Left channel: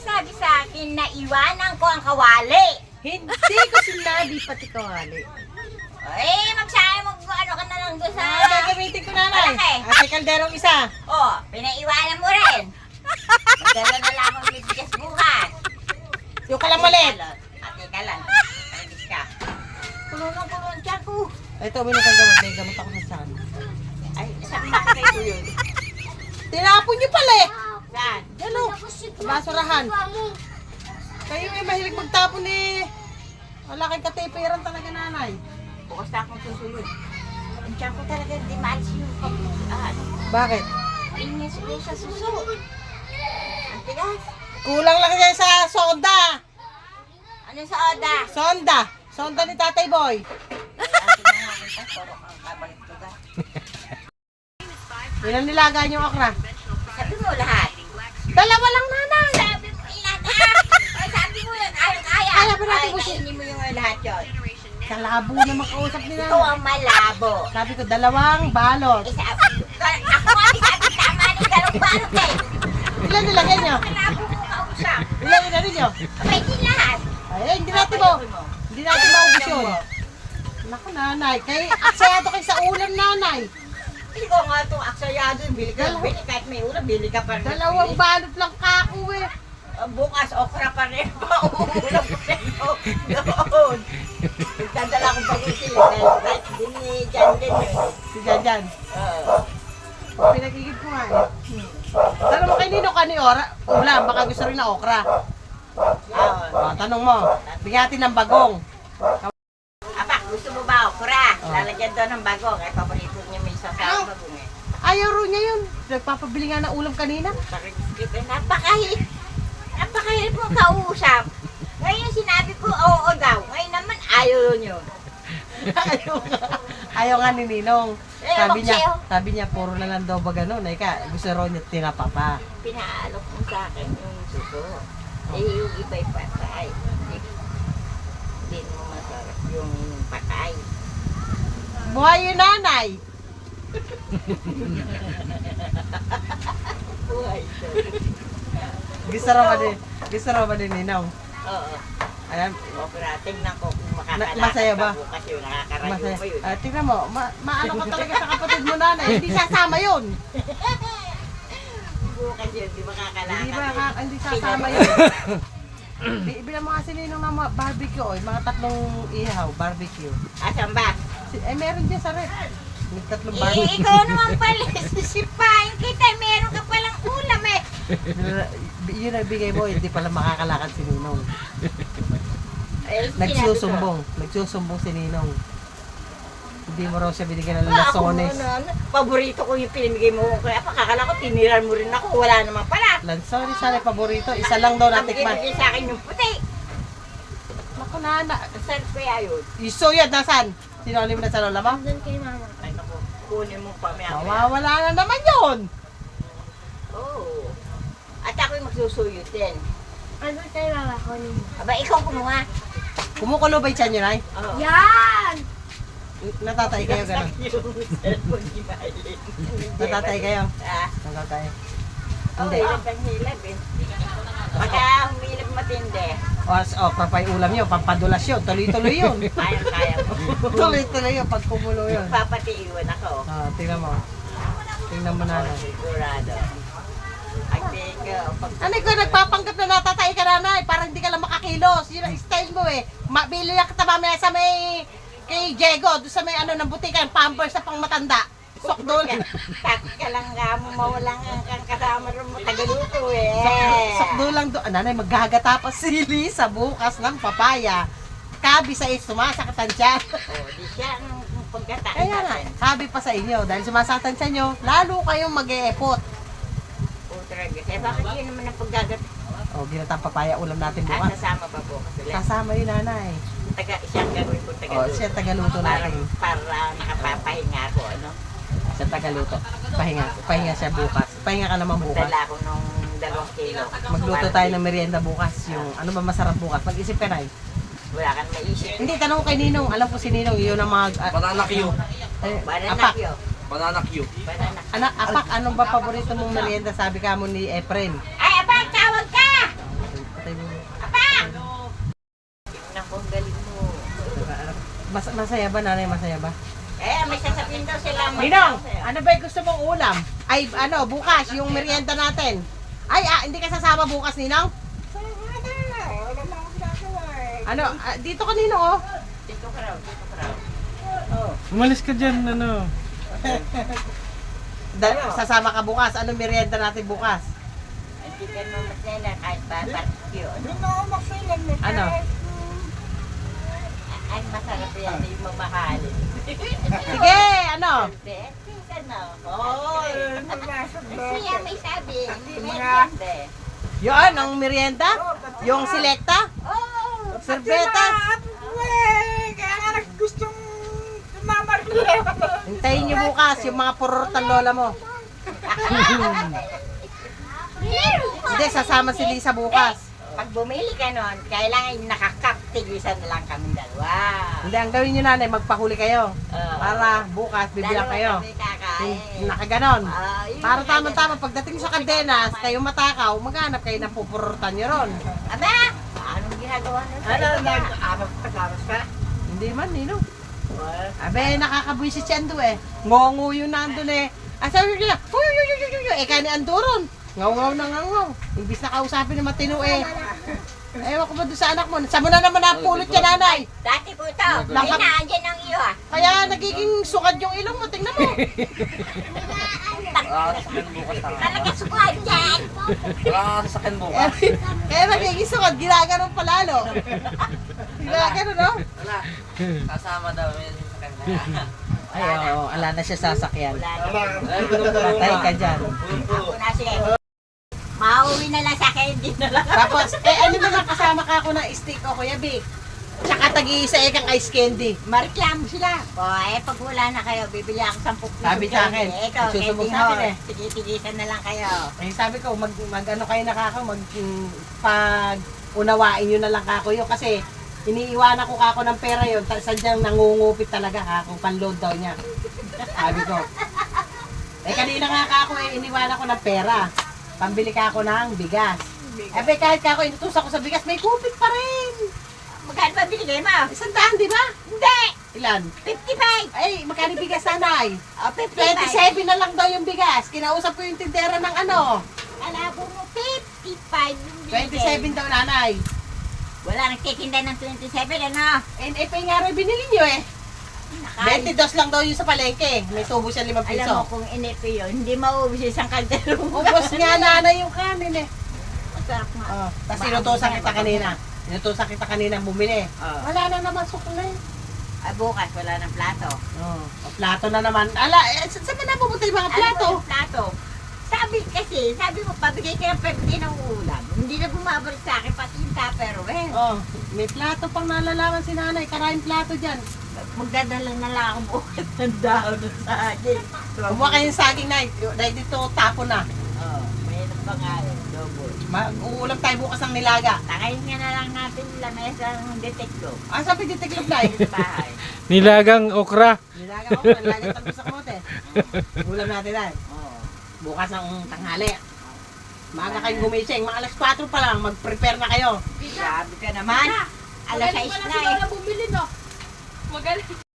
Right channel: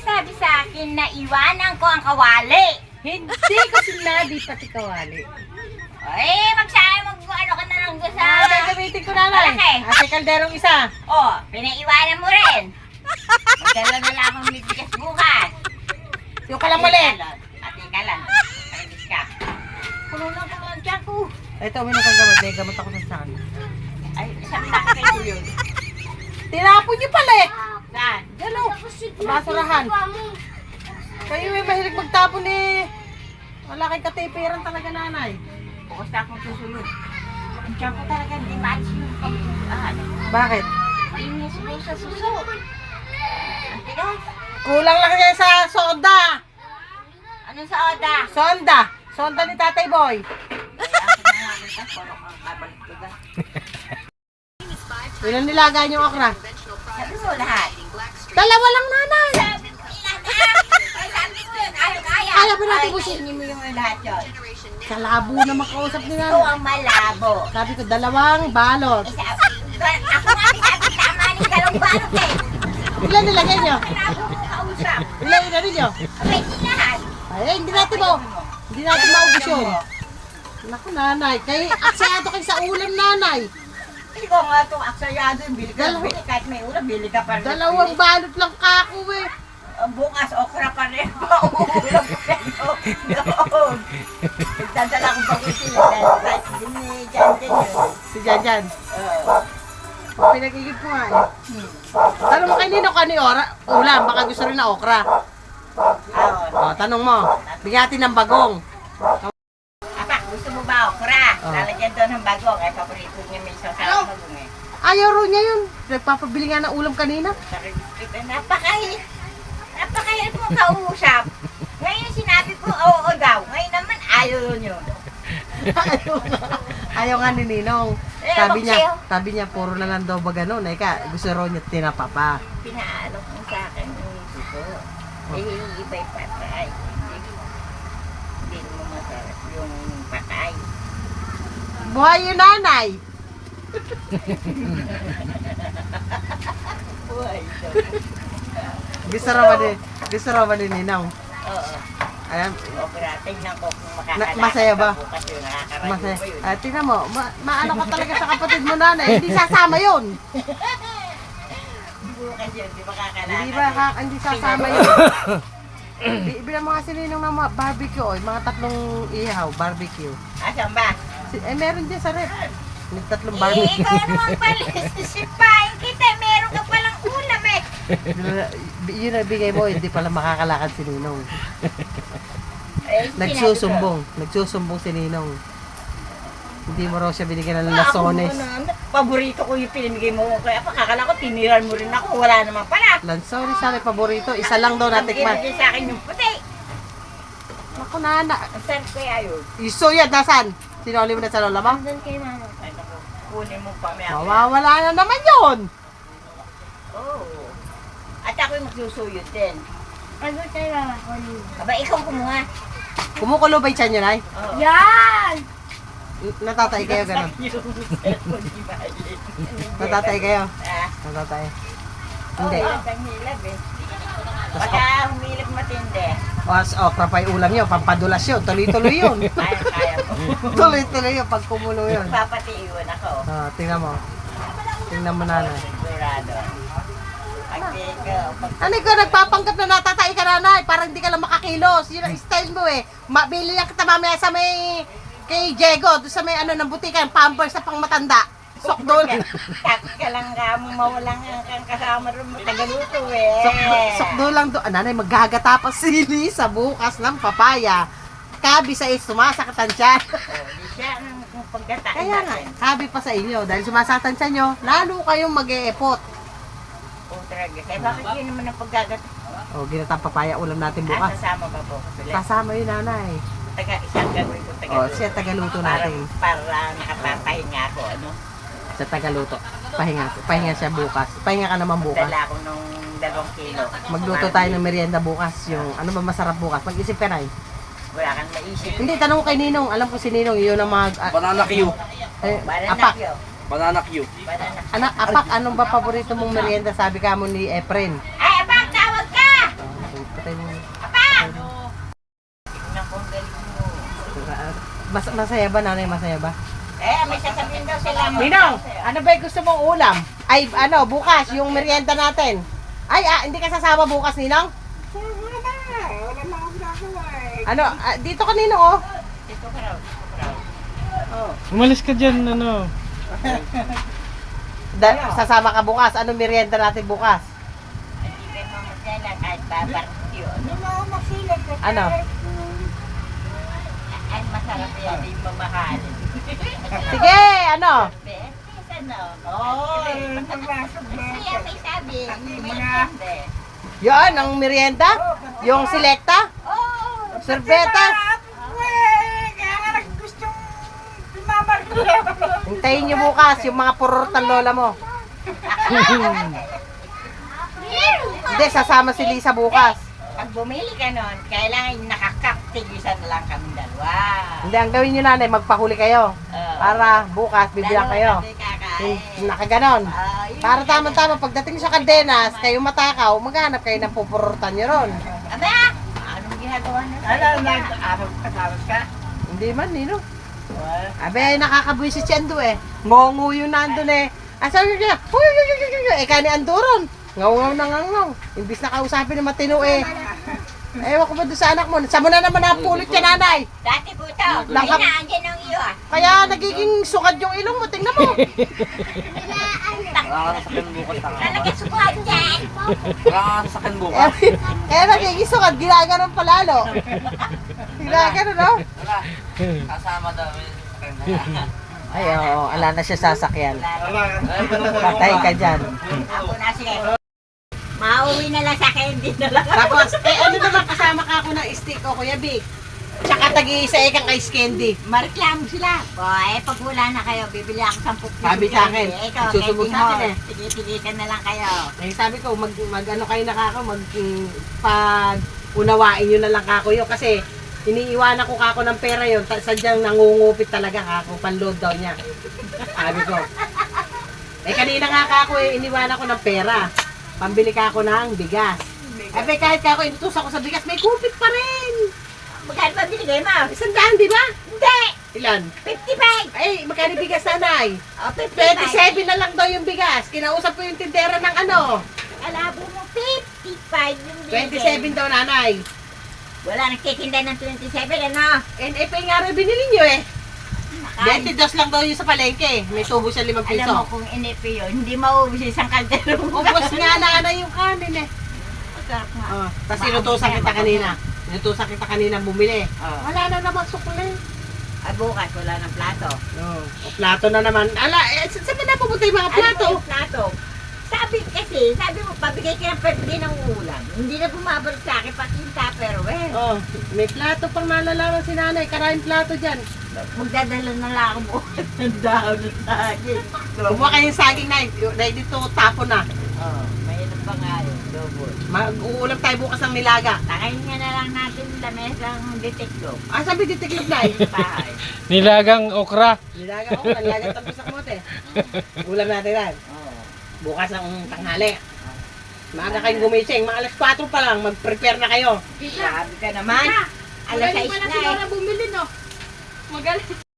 sabi sa akin na iwanan ko ang kawali. Hindi ko sinabi pati kawali. Eh, ano ka na lang doon sa... Gagamitin ko nanay. Malaki. Ate kalderong isa. Oh, pinaiwanan mo rin. Magdala na lang akong bibigas bukas. Yung kalang malit. Ate ka lang. Paligis ka. Puno ang tiyan ko. Ito, minum kang gamot. May gamot ako sa saan. Ay, sabi na kayo yun. Tinapon niyo pala eh. Saan? Yan o. Basurahan. Kayo may mahilig magtapon eh. Wala kang katipiran talaga nanay. Bukas na akong susunod. Ang tiyan ko talaga hindi maalis yung Bakit? Hindi niya siguro sa suso. Ang tigas. Kulang lang kayo sa soda. Ano sa oda? Sonda. Sonda ni Tatay Boy. Ilan nilaga yung okra? Sabi mo lahat. Dalawa lang nanay. Sabi mo ilan ha? Ay, sabi mo yun. Kaya. Kaya pa natin busin. Kainin mo yung lahat yun. Kalabo na makausap ni Ikaw nanay. ang malabo. Sabi ko, dalawang balot. Ako nga sabi tama ni dalawang balot eh. Ilan nilagay nyo? Malabo mo kausap. Ilan nilagay nyo? Abay, di lahat. Ay, hindi natin mo. Hindi natin maubos yun. Naku nanay, kay aksayado kayo sa ulam nanay. Ikaw nga itong aksayado yung bili ka. Bili kahit may ulam, bili ka pa rin. Dalawang balot lang kako eh. Bukas, okra pa rin. Ulam pa rin. Doon. Nagdadala ko bago sila. Din ni Jan din eh. Si Janjan. Pinagigib ko nga eh. Tanong mo kay Nino ka ni ulam, baka gusto rin na okra. O, tanong mo. Bigyan ng bagong. Apak, gusto mo ba okra? Oh. Lalagyan doon ng bagong. Ay, paborito niya may isang sarang bagong eh. Ayaw ro niya yun. Nagpapabili nga ng ulam kanina. Napakahirap mo kausap. Ngayon sinabi ko, oo daw. Ngayon naman, ayaw nyo. Ayaw nga ni Ninong. Eh, Sabi bakit sabi niya, puro na lang daw ba ganun. Eka, gusto ro niya tinapa pa. Pinaalok mo sa akin yung suso. Eh, yung iba'y patay. Hindi mo masarap yung patay. Buhay yung nanay. Uy, Gusto raw ba ni Ninong? oo. Ayan, Okra, tingnan ko kung makakalakas masaya ba? ka bukas yun. Nakakarayo masaya. ba yun? Tingnan mo, maano ka talaga sa kapatid mo nanay. Hindi sasama yun. Bukas yun, di makakalakas. Hindi sasama yun. Bilang mga sininong ng mga barbecue, mga 3 ihaw, barbecue. Asan ba? Meron dyan sa rep. May 3 Eh, barbecue. ikaw naman pala, sisipain kita. Meron ka palang ulam eh. Yun ang bigay mo, hindi pala makakalakad si Ninong. Eh, Nagsusumbong si Ninong. Hindi mo raw siya binigyan ng lasones. Paborito ko yung pinimigay mo. Kaya pakakala ko, tiniran mo rin ako. Wala naman pala. Lansones sana paborito. Isa lang daw natikman. Binigay sa akin yung puti. Naku nana. Saan kaya yun? Iso yan, nasan? Sinuli mo na sa lola mo? Ay naku, kunin mo pa maya. Mawawala na naman yun. Oo. At ako yung magsusuyot din. Ano tayo mamakunin? Aba, ikaw kumuha. Kumukulo ba yung tiyan nyo, Nay? Oo. Yan! Natatay kayo gano'n. Yung cellphone ni Maylin. Natatay kayo. Ah, Natatay. oo, Hindi. hilab ang hilab eh. Pagka humilab matindi, Okra pa yung ulam nyo, pampadulas yun. Tuloy-tuloy yun. kaya mo. Tuloy-tuloy yun pag kumulo yun. Papatiiwan ako. Tingnan mo. Tingnan mo nanay. Sigurado. Ang tingko. Ano ko, nagpapanggap na natatay ka nanay. Parang hindi ka lang makakilos. Yun ang style mo eh. Mabili lang kita mamaya sa may kay Diego. Doon sa may ng butikan, Pampers sa pang matanda. Sokdol. Takot ka lang nga mo mawalang ang kasama rin mo tagaluto eh. Sokdol lang doon. Nanay, maghagata pa sili sa bukas ng papaya. Kabi sa sumasakatan siya. Di siya ang pagkataan Kaya nga, natin. kabi pa sa inyo. Dahil sumasakatan siya nyo, lalo kayong mag-e-epot. Utraga. Kaya bakit yun naman ang pagkagat? O, ginatang papaya ulam natin bukas. Sasama ba po ko sila? Kasama yun nanay. Siyang gagawin kong O, tagaluto. siya tagaluto natin. Para nakapapahinga ako, ano? Sa tagaluto. Pahinga siya bukas. Pahinga ka naman bukas. Dala ko nung 2 kilo. Magluto tayo ng merienda bukas. Yung ano ba masarap bukas? Mag-isip ka na. Wala kang maisip. Hindi, tanong ko kay Ninong. Alam ko si Ninong, yun ang Banana Q. apak. Banana Q. Apak, anong ba paborito mong merienda? Sabi ka mo ni Efren. Ay, abang, tawag ka! Masaya ba, nanay? Masaya ba? May sasabihin daw sila. Ninong, ano ba yung gusto mong ulam? Ay, ano, bukas, yung merienda natin. Ay, hindi ka sasama bukas, Ninong? Ano, dito ka, Ninong, oh. Dito ka raw. Oh. Umalis ka dyan, ano. Sasama ka bukas. Ano merienda natin bukas? Hindi kayo mamasela kahit barbecue. Ano? Ay, masarap yan. Hindi mamahalin. Sige, ano? Beses, ano? Oo. Siya may sabi. Mga... Yun, ang merienda? Yung selecta? Oo. Sorbeta? Hintayin nyo bukas yung mga pururtan lola mo. Hindi, sasama si Lisa bukas. Pag bumili ka nun, kailangan nakakaptigisan na lang kami dalawa. Hindi, ang gawin nyo nanay, magpahuli kayo. Oo. Para bukas, bibilang kayo. Kami kakain. Nakaganon. Yun Para yung tama-tama, pagdating sa Caldenas, kayo matakaw, maghanap kayo ng pupururtan nyo ron. Aba! Anong ginagawa nun? Ano, nag-aros ka? Hindi man, Nino. Abe, nakakabwisit si Ando eh. Ngongo yun na Ando eh. Asa yun niya? Kani Ando ron. Ngaw-ngaw na ngaw. Imbis na kausapin ng matino eh. Ewan ko ba doon sa anak mo? Sa mo na naman napulot yan, nanay. Dati po ito. Langkap. Inaandyan ang iyo ah. Kaya nagiging sukad yung ilong mo. Tingnan mo. Talaga sukuhan dyan. Kaya nagiging sukad. Ginaganon palalo. Ginaganon, no? Kasama daw yun sa kanya. Ay, oo. Ala na siya sasakyan. Wala. Patay ka dyan. Ako na sige. Mauwi na lang sa akin. Hindi na lang. Tapos, ano naman kasama ka ako ng stick o Kuya Vic? Tsaka tag-iisa kang ice candy. Mareklamo sila. O, pag wala na kayo, bibili ako 10 piso. Sabi sa akin, Ito, susubok candy sa akin horse. eh. Tigipigisan na lang kayo. Eh sabi ko, mag ano kayo pag unawain nyo na lang kako yun kasi iniiwanan ko kako ng pera yun, sadyang nangungupit talaga kako, panload daw niya. Sabi ko. Eh kanina nga kako iniwanan ko ng pera. Pambili kako ng bigas. Eh kahit kako inutusan ko sa bigas, may kupit pa rin. Magkano pa binigay mo? 100, di ba? Hindi! Ilan? 55! Ay, magkano bigas nanay? O, 55. 27 na lang daw yung bigas. Kinausap ko yung tindera ng ano. Alabo mo, 55 yung binigay. 27 daw nanay. Wala nagtitinda ng 27, ano? NFA nga rin binili nyo eh. 22 lang daw yung sa palengke. May tubo siya 5 piso. Alam mo kung NFP yun, hindi mauubos isang kaldero. Ubos nga nanay yung kanin eh. Masarap nga. Oh, tapos inutusan kita kanina. Inutusan kita kanina bumili. Oh. Wala na namang sukle. Bukas, wala ng plato. Oh, plato na naman. Ala, saan na napupunta yung mga plato? Ano yung plato? Sabi mo, pabigay ka ng 50 ng ulam. Hindi na bumabalik sa akin, pati yung tupperware. Oh, may plato pang nalalaman si nanay. Karaming plato dyan. Magdadala na lang ako bukas ng dahon sa akin. Kumuha kayong saging na. Dito tapo na. Oh, mayroon pa nga yun, double. Uulam tayo bukas ng nilaga. Takayin nga na lang natin lamesang detekto. Sabi ditiklop na Bahay. Nilagang okra. Nilaga ko, nilaga tapos sa kamote. Ulam natin yan. Oh. Bukas ang tanghali. Maaga kayong gumising. Mga alas 4 pa lang. Mag-prepare na kayo. Sabi ka naman. Alas 6 na eh. Bumili no. Magaling.